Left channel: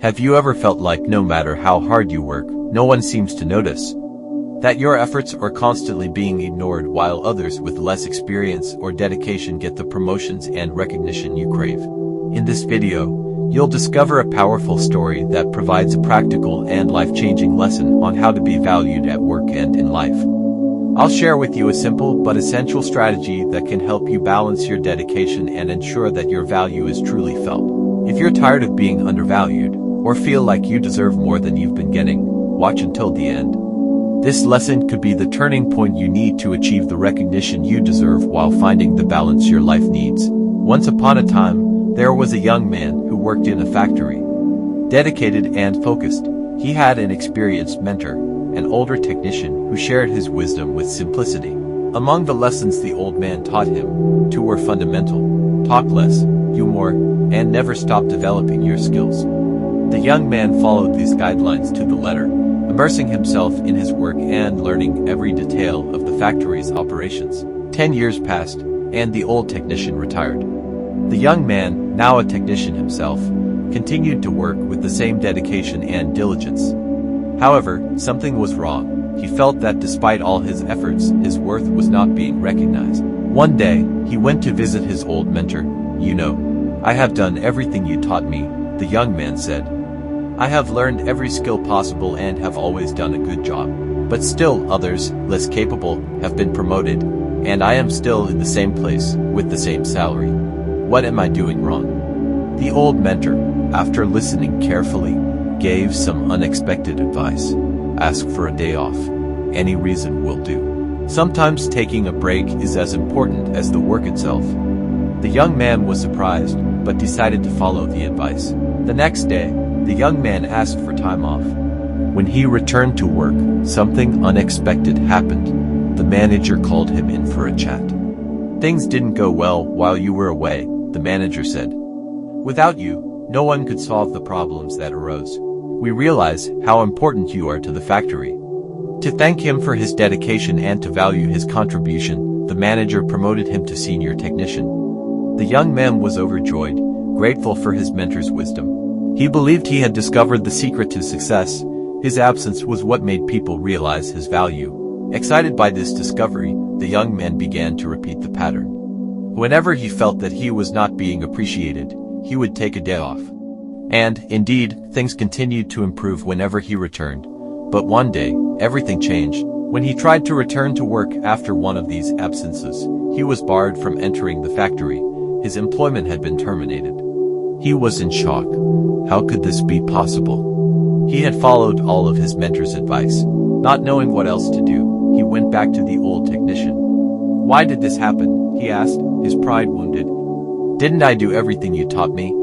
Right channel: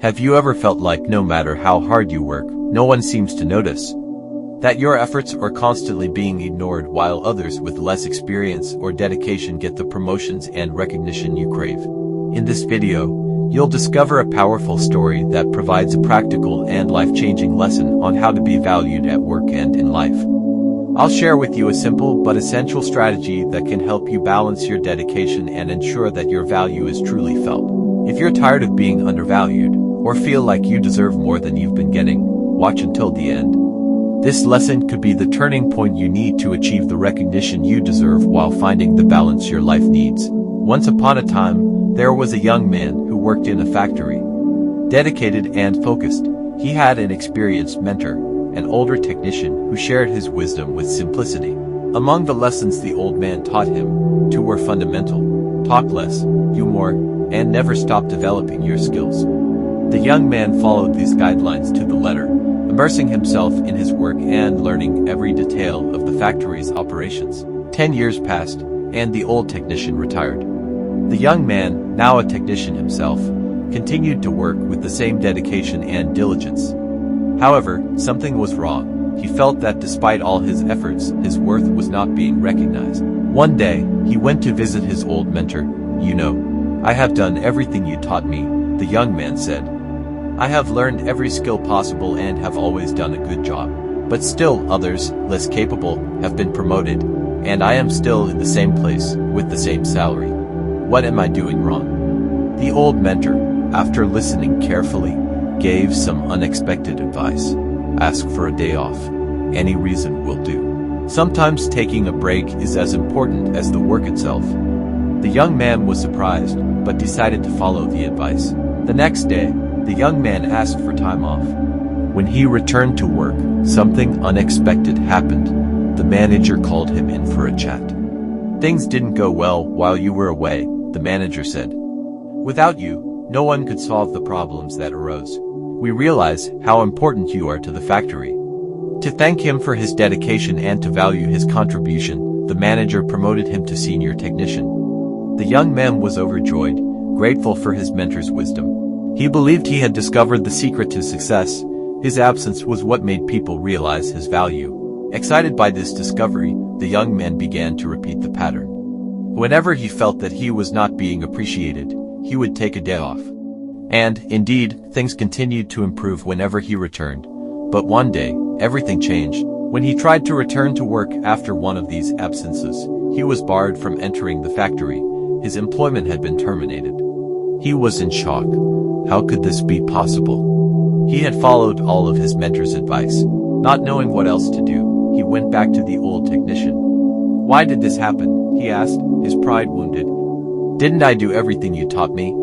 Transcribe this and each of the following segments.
Have you ever felt like no matter how hard you work, no one seems to notice? That your efforts are constantly being ignored while others with less experience or dedication get the promotions and recognition you crave? In this video, you'll discover a powerful story that provides a practical and life-changing lesson on how to be valued at work and in life. I'll share with you a simple but essential strategy that can help you balance your dedication and ensure that your value is truly felt. If you're tired of being undervalued, or feel like you deserve more than you've been getting, watch until the end. This lesson could be the turning point you need to achieve the recognition you deserve while finding the balance your life needs. Once upon a time, there was a young man who worked in a factory. Dedicated and focused, he had an experienced mentor, an older technician who shared his wisdom with simplicity. Among the lessons the old man taught him, two were fundamental: talk less, do more, and never stop developing your skills. The young man followed these guidelines to the letter, immersing himself in his work and learning every detail of the factory's operations. 10 years passed, and the old technician retired. The young man, now a technician himself, continued to work with the same dedication and diligence. However, something was wrong. He felt that despite all his efforts, his worth was not being recognized. One day, he went to visit his old mentor. "You know, I have done everything you taught me," the young man said. "I have learned every skill possible and have always done a good job. But still others, less capable, have been promoted, and I am still in the same place, with the same salary. What am I doing wrong?" The old mentor, after listening carefully, gave some unexpected advice. "Ask for a day off. Any reason will do. Sometimes taking a break is as important as the work itself." The young man was surprised, but decided to follow the advice. The next day, the young man asked for time off. When he returned to work, something unexpected happened. The manager called him in for a chat. "Things didn't go well while you were away," the manager said. "Without you, no one could solve the problems that arose. We realize how important you are to the factory." To thank him for his dedication and to value his contribution, the manager promoted him to senior technician. The young man was overjoyed, grateful for his mentor's wisdom. He believed he had discovered the secret to success. His absence was what made people realize his value. Excited by this discovery, the young man began to repeat the pattern. Whenever he felt that he was not being appreciated, he would take a day off. And, indeed, things continued to improve whenever he returned. But one day, everything changed. When he tried to return to work after one of these absences, he was barred from entering the factory. His employment had been terminated. He was in shock. How could this be possible? He had followed all of his mentor's advice. Not knowing what else to do, he went back to the old technician. "Why did this happen?" he asked, his pride wounded. "Didn't I do everything you taught me?"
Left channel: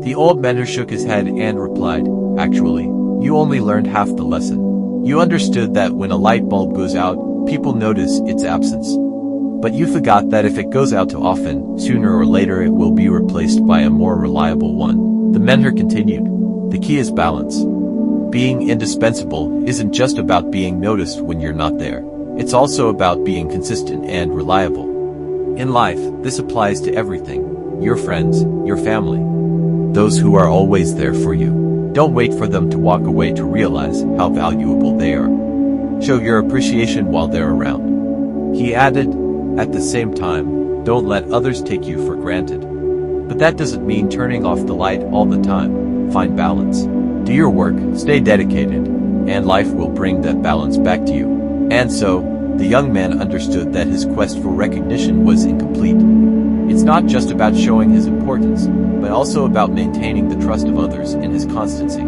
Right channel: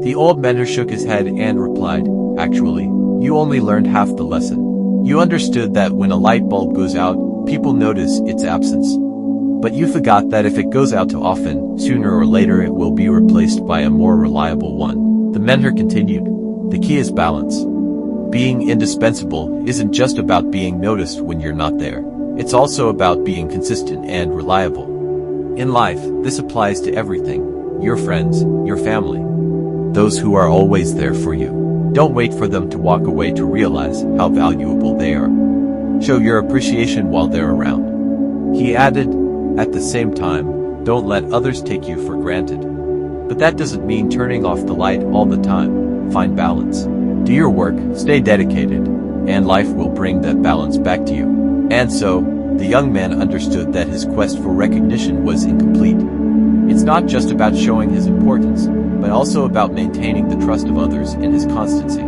The old mentor shook his head and replied, "Actually, you only learned half the lesson. You understood that when a light bulb goes out, people notice its absence. But you forgot that if it goes out too often, sooner or later it will be replaced by a more reliable one." The mentor continued, "The key is balance. Being indispensable isn't just about being noticed when you're not there. It's also about being consistent and reliable. In life, this applies to everything: your friends, your family, those who are always there for you. Don't wait for them to walk away to realize how valuable they are. Show your appreciation while they're around." He added, "At the same time, don't let others take you for granted. But that doesn't mean turning off the light all the time. Find balance. Do your work, stay dedicated, and life will bring that balance back to you." And so, the young man understood that his quest for recognition was incomplete. It's not just about showing his importance, but also about maintaining the trust of others in his constancy.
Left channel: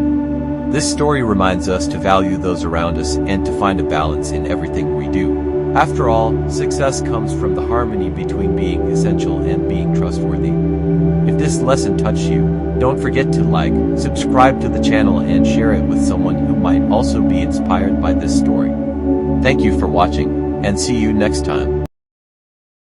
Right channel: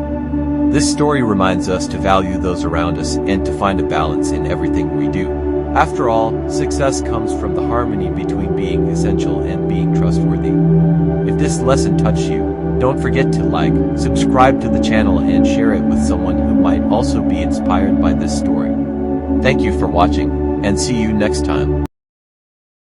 This story reminds us to value those around us and to find a balance in everything we do. After all, success comes from the harmony between being essential and being trustworthy. If this lesson touched you, don't forget to like, subscribe to the channel and share it with someone who might also be inspired by this story. Thank you for watching, and see you next time.